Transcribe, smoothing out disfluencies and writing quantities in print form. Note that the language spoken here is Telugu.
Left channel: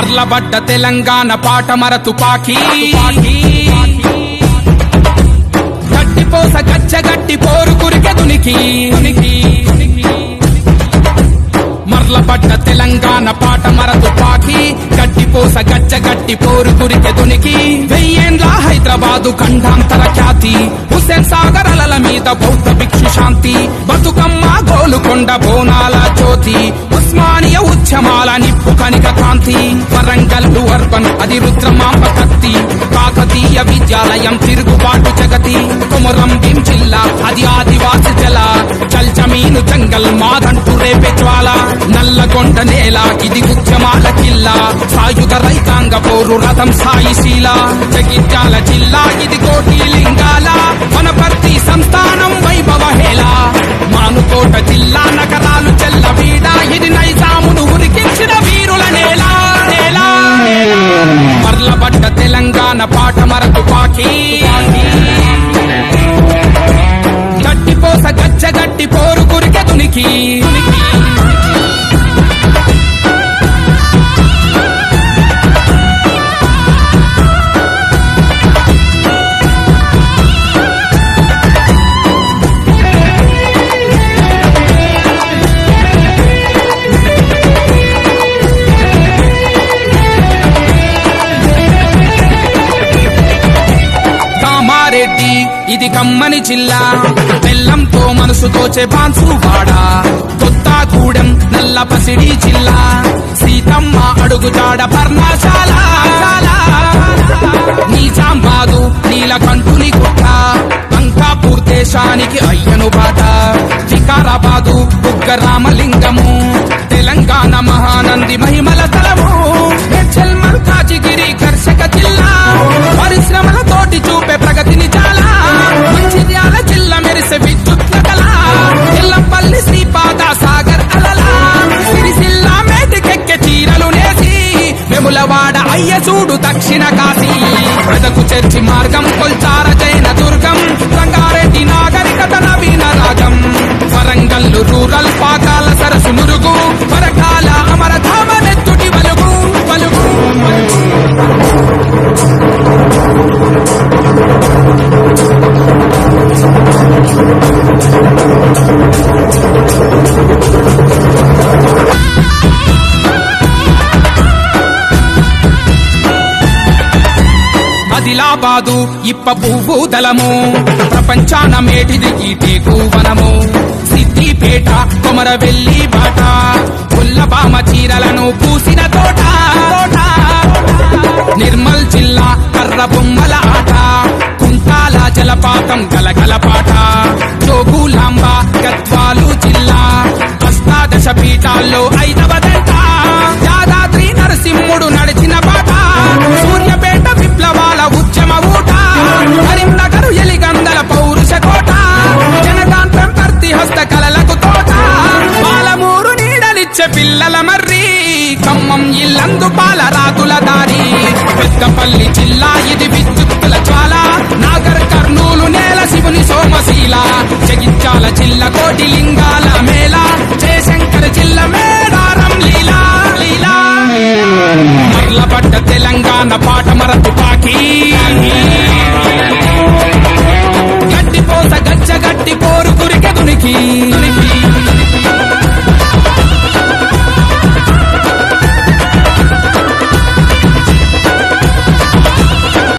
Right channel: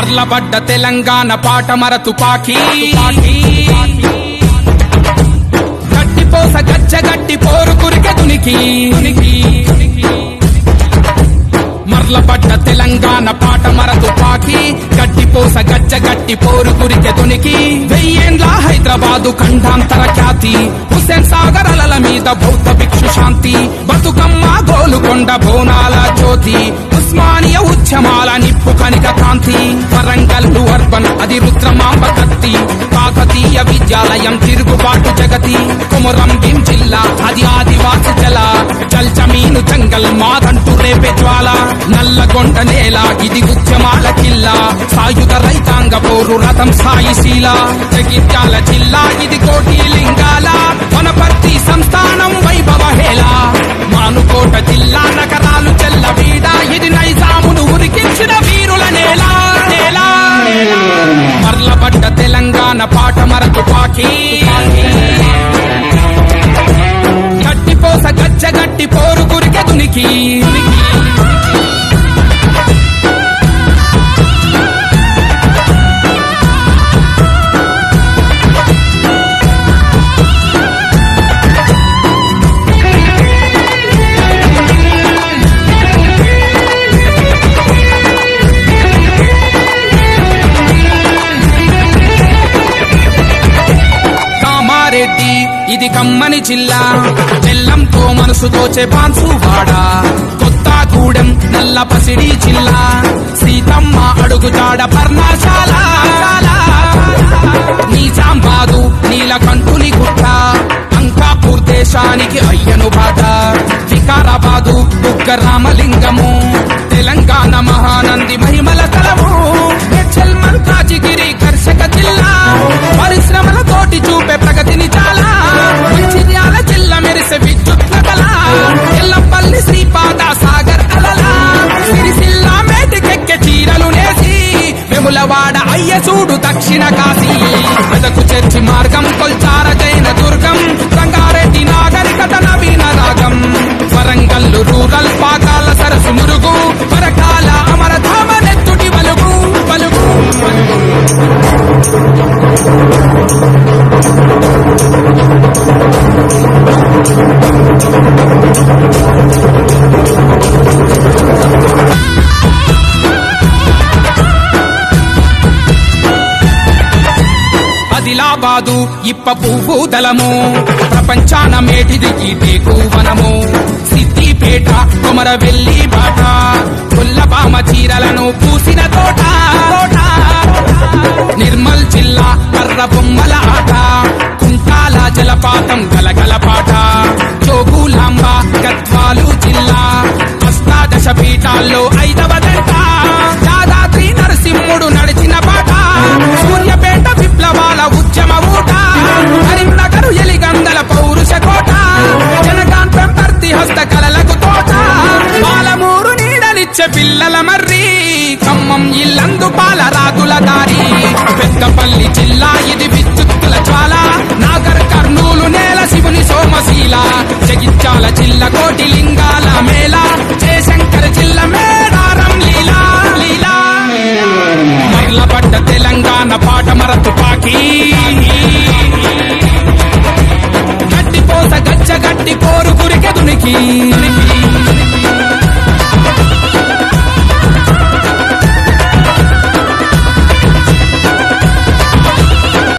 మర్లబడ్డ తెలంగాణ పాటమర తుపాకీ గట్టిపోస గచ్చగట్టి పోరు కురికె దునికి మర్లబడ్డ తెలంగాణ పాటమర తుపాకీ గట్టిపోస గచ్చగట్టి పోరు కురికె దునికి వెయ్యేండ్ల హైదరాబాదు ఖండాంతర ఖ్యాతి హుస్సేన్ సాగర్ అలల మీద బౌద్ధ భిక్షు శాంతి బతుకమ్మ గోలుకొండ బోనాల జ్యోతి ఉస్మానియ ఉద్యమాల నిప్పు కనిక కాంతి వరంగల్లు అర్బన్ అది రుద్రమాంబ కత్తి కాకతీయ విద్యాలయం తిరుగుబాటు జగతి కొమురం భీం జిల్లా అది ఆదివాసి జల చల్ జమీను జంగల్ మాదంటూ రేపే జ్వాల నల్లగొండ నేల ఇది ఉద్యమాల కిల్లా సాయుధ రైతాంగ పోరు రథం సాయిశీల జగిత్యాల జిల్లా ఇది కోటి లింగాల వనపర్తి సంస్థానం వైభవ హేళ మానుకోట జిల్లా నగరాలు చెల్లవీడ ఇది నైజామును ఉరికించిన వీరుల నేల మర్లబడ్డ తెలంగాణ పాటమర తుపాకీ గట్టిపోస గచ్చగట్టి పోరు కురికె దునికి రెడ్డి ఇది కమ్మని జిల్లా బెల్లంతో మనసు దోచే బాన్సువాడ కొత్తగూడెం నల్ల పసిడి జిల్లా సీతమ్మ అడుగుజాడ పర్ణశాల నిజామాబాదు నీలకంఠుని గుట్ట అంకాపూర్ దేశానికి అయ్యను బాట వికారాబాదు బుగ్గరామలింగము తెలంగాణ మహానంది మహిమల తలము మేడ్చల్ మల్కాజిగిరి కర్షక జిల్లా పరిశ్రమల తోటి చూపే ప్రగతిని చాలా మంచిర్యాల జిల్లా మెరిసే విద్యుత్ కళ ఎల్లంపల్లి శ్రీపాద సాగర్ అలలా సిరిసిల్ల మేటికెక్కె చీరలు నేసి వెములవాడ అయ్య చూడు దక్షిణ కాశీ మెదకు చర్చి మార్గం కొల్చార జైన దుర్గం రంగారెడ్డి నాగరికత నవీన రాగం వరంగల్లు రూరల్ పాకాల సరసు నురుగు పరకాల అమరధామ నెత్తుటి వలుగు పలుగు ఆదిలాబాదు ఇప్ప పువ్వు దళము ప్రపంచాన మేటిది గీటేకు వనము సిద్దిపేట కొమరవెల్లి బాట కొల్లబామ చీరలను పూసిన తోట నిర్మల్ జిల్లా కర్ర బొమ్మల ఆట కుంటాల జలపాతం గలగలపాట జోగులాంబ గద్వాలు జిల్లా అష్టాదశ పీఠాల్లో ఐదవదంట యాదాద్రి నరసింహుడు నడిచిన బాట సూర్యపేట విప్లవాల ఉద్యమ ఊట కరీంనగర్ ఎలిగందల పౌరుష కోట జనగాన్ పెంపర్తి హస్త కళలకు తోట పాలమూరు నీడలిచ్చే పిల్లల మర్రి ఖమ్మం ఇల్లందు పాల రాతుల దారి పెద్దపల్లి జిల్లా ఇది విద్యుత్తుల జ్వాల నాగర్ కర్నూలు నేల శివుని సోమశీల జగిత్యాల జిల్లా కోటి లింగాల మేళ జయశంకర్ జిల్లా మేడారం లీలా మర్లబడ్డ తెలంగాణ పాటమర తుపాకీ గట్టిపోస గచ్చగట్టి పోరు కురికె దునికి